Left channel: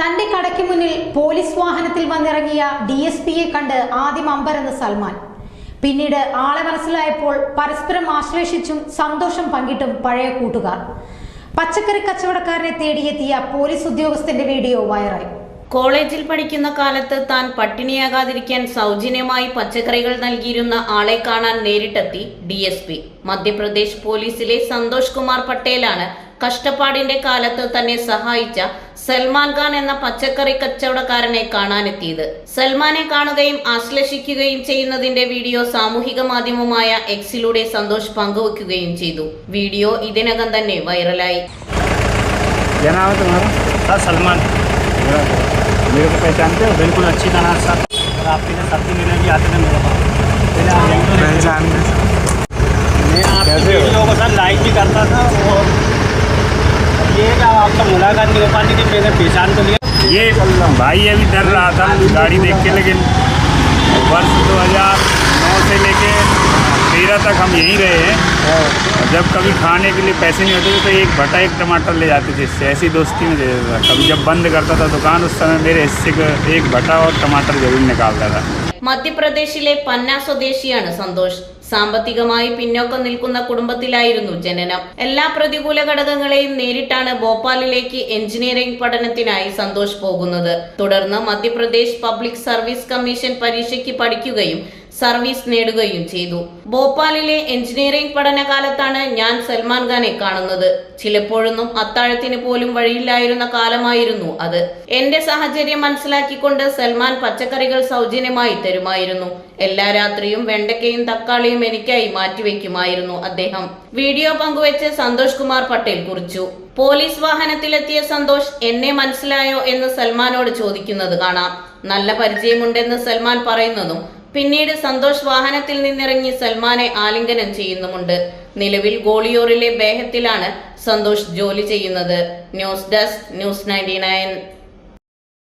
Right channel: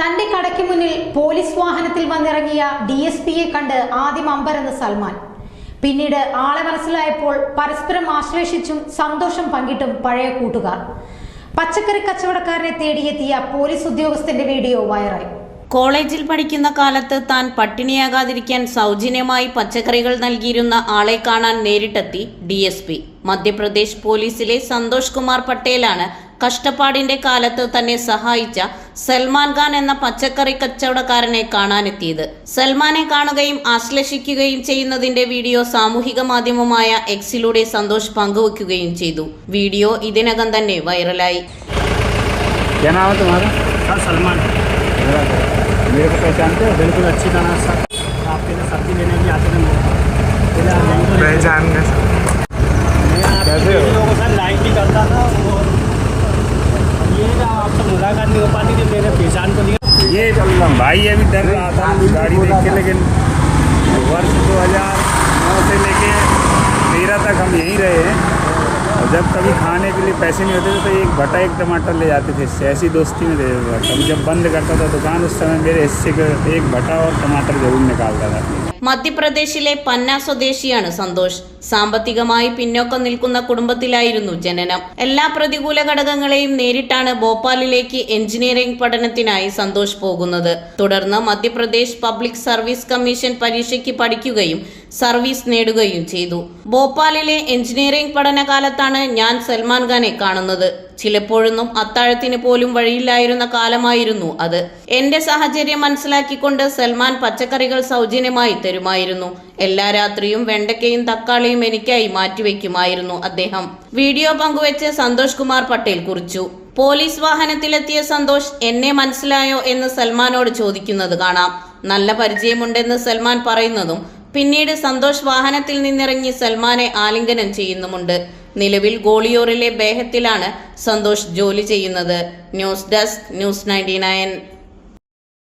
തന്റെ കടയ്ക്ക് മുന്നിൽ പോലീസ് വാഹനത്തിൽ വന്നിറങ്ങിയ DSPയെ കണ്ട് ആദ്യം അമ്പരന്ന് സൽമാൻ. പിന്നീട് ആളെ മനസ്സിലായപ്പോൾ പരസ്പരം ആശ്ലേഷിച്ചും സന്തോഷം പങ്കിട്ടും പഴയ കൂട്ടുകാർ. പച്ചക്കറി കച്ചവടക്കാരനെ തേടിയെത്തിയ പോലീസ് ഉദ്യോഗസ്ഥന്റെ വീഡിയോ വൈറലായി. കോളേജിൽ പഠിക്കുന്ന കാലത്ത് താൻ പട്ടിണിയാകാതിരിക്കാൻ സൗജന്യമായി പച്ചക്കറികൾ നൽകിയിരുന്ന ആളെ കാണാൻ നേരിട്ടെത്തി DSP. മധ്യപ്രദേശ് പോലീസിലെ സന്തോഷ് കുമാർ പട്ടേലാണ് കഷ്ടപ്പാടിന്റെ കാലത്ത് തന്നെ സഹായിച്ച സൽമാൻ ഖാൻ എന്ന പച്ചക്കറി കച്ചവടക്കാരനെ കാണാനെത്തിയത്. സൽമാനെ കാണുകയും ആശ്ലേഷിക്കുകയും ചെയ്യുന്നതിന്റെ വീഡിയോ സാമൂഹിക മാധ്യമമായ എക്സിലൂടെ സന്തോഷ് പങ്കുവയ്ക്കുകയും ചെയ്തു. വീഡിയോ ഇതിനകം തന്നെ വൈറലായി. मेरे को पहचानते हो? बिल्कुल अच्छी तरह से आपके लिए सब्जी लेने भी आते हैं मेरे पास। पहचानने मैं आपके लोगों के साथ लाइक भी करता था और ये आपसे मुलाकात नहीं हो पाती कि मैंने पहचान तो लिया। ये भाई अभी डर रहा था गाड़ी देख के, लेकिन वर्ष 2009 से लेके 13 तक हम यहीं रहे हैं। और जब कभी खाने के लिए पैसे नहीं होते थे तो एक भटा एक टमाटर ले जाते थे, ऐसी दोस्ती में दे देता था। कभी जब बंद करता था दुकान उस समय मेरे हिस्से का एक भटा और टमाटर जरूर निकालता था. മധ്യപ്രദേശിലെ പന്ന സ്വദേശിയാണ് സന്തോഷ്. സാമ്പത്തികമായി പിന്നോക്കം നിൽക്കുന്ന കുടുംബത്തിലായിരുന്നു ജനനം. എല്ലാ പ്രതികൂല ഘടകങ്ങളെയും നേരിട്ടാണ് ഭോപ്പാലിലേക്ക് എഞ്ചിനീയറിംഗ് പഠനത്തിനായി സന്തോഷ് പോകുന്നത്. തുടർന്ന് മധ്യപ്രദേശ് പബ്ലിക് സർവീസ് കമ്മീഷൻ പരീക്ഷയ്ക്ക് പഠിക്കുകയും സർവീസ് നേടുകയും ചെയ്തു. ഭോപ്പാലിലെ എഞ്ചിനീയറിംഗ് പഠനകാലത്താണ് ഞാൻ സൽമാൻ ഖാനെ കാണുന്നത്. ചിലപ്പോഴൊന്നും അത്താഴത്തിന് പോലും വഴിയില്ലായിരുന്ന കാലമായിരുന്നു അത്. എന്റെ സാഹചര്യം മനസ്സിലാക്കിക്കൊണ്ട് സൽമാൻ പച്ചക്കറികൾ സൗജന്യമായി തരുമായിരുന്നു. എല്ലാ രാത്രിയും വെണ്ടയ്ക്കയും തക്കാളിയും എനിക്കായി മാറ്റിവെക്കുമായിരുന്നു അദ്ദേഹം. വീഡിയോ പങ്കുവെച്ച് സന്തോഷ് കുമാർ പട്ടേൽ കുറിച്ചു. പോലീസ് വാഹനത്തിലെത്തിയ സന്തോഷ് എന്നെ മനസ്സിലായോ എന്ന് സൽമാനോട് ചോദിക്കുന്നത് കാണാം. നല്ല പരിചയമുണ്ടെന്ന് സൽമാൻ പറയുന്നതും പിന്നീട് സന്തോഷ് വാഹനത്തിൽ നിന്നിറങ്ങി സൽമാനെ ആലിംഗനം ചെയ്യുന്നുമുണ്ട്. നിലവിൽ ഗോളിയോറിലെ ബേഹത്തിലാണ് സന്തോഷ് ജോലി ചെയ്യുന്നത്. News desk news 99.